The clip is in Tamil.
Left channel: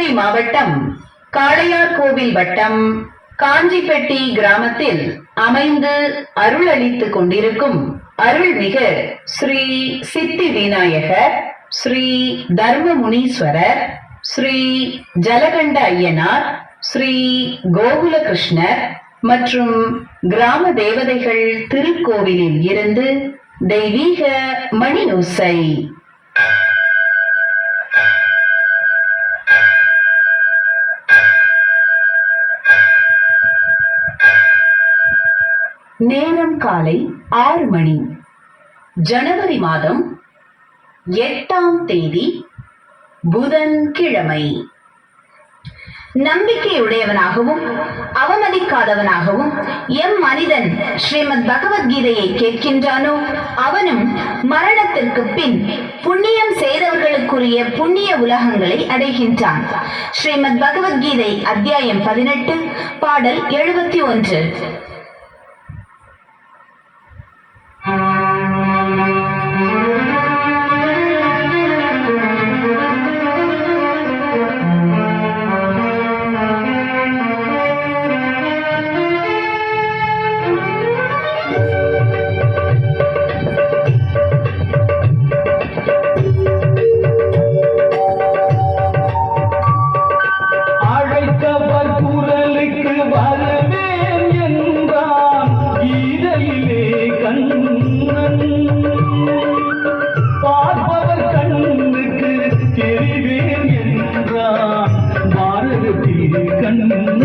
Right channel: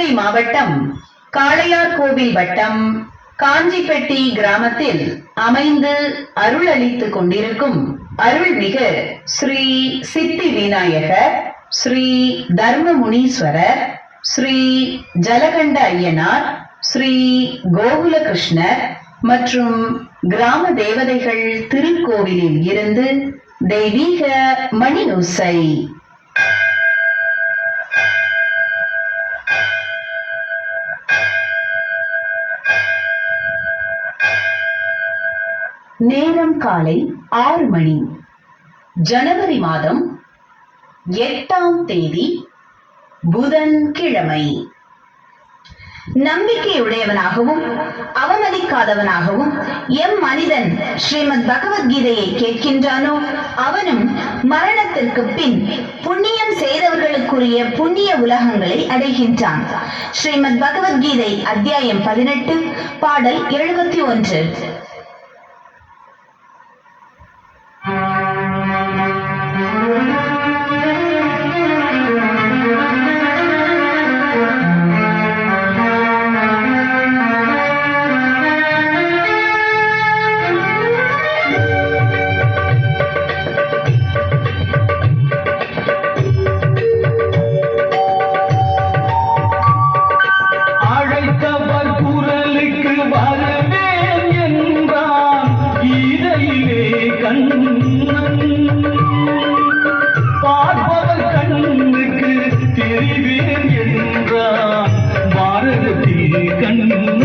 சிவகங்கை மாவட்டம் காளையார்கோவில் வட்டம் காஞ்சிப்பட்டி கிராமத்தில் அமைந்து அருள் அளித்துக் கொண்டிருக்கும் அருள்மிகு ஸ்ரீ சித்தி விநாயகர் ஸ்ரீ தர்மமுனீஸ்வரர் ஸ்ரீ ஜலகண்ட ஐயனார் ஸ்ரீ கோகுலகிருஷ்ணர் மற்றும் கிராம தேவதைகள் திருக்கோவிலில் இருந்து தெய்வீக மணியோசை நேரம் காலை ஆறு மணி. ஜனவரி மாதம் எட்டாம் தேதி புதன்கிழமை. நம்பிக்கையுடையவனாகவும் அவமதிக்காதவனாகவும் எம் மனிதன் ஸ்ரீமத் பகவத்கீதையை கேட்கின்றானோ அவனும் மரணத்திற்கு பின் புண்ணியம் செய்தவர்களுக்குரிய புண்ணிய உலகங்களை அடைகின்றான். ஸ்ரீமத் பகவத்கீதை அத்தியாயம் பதினெட்டு பாடல் எழுபத்தி ஒன்று. கண்ணு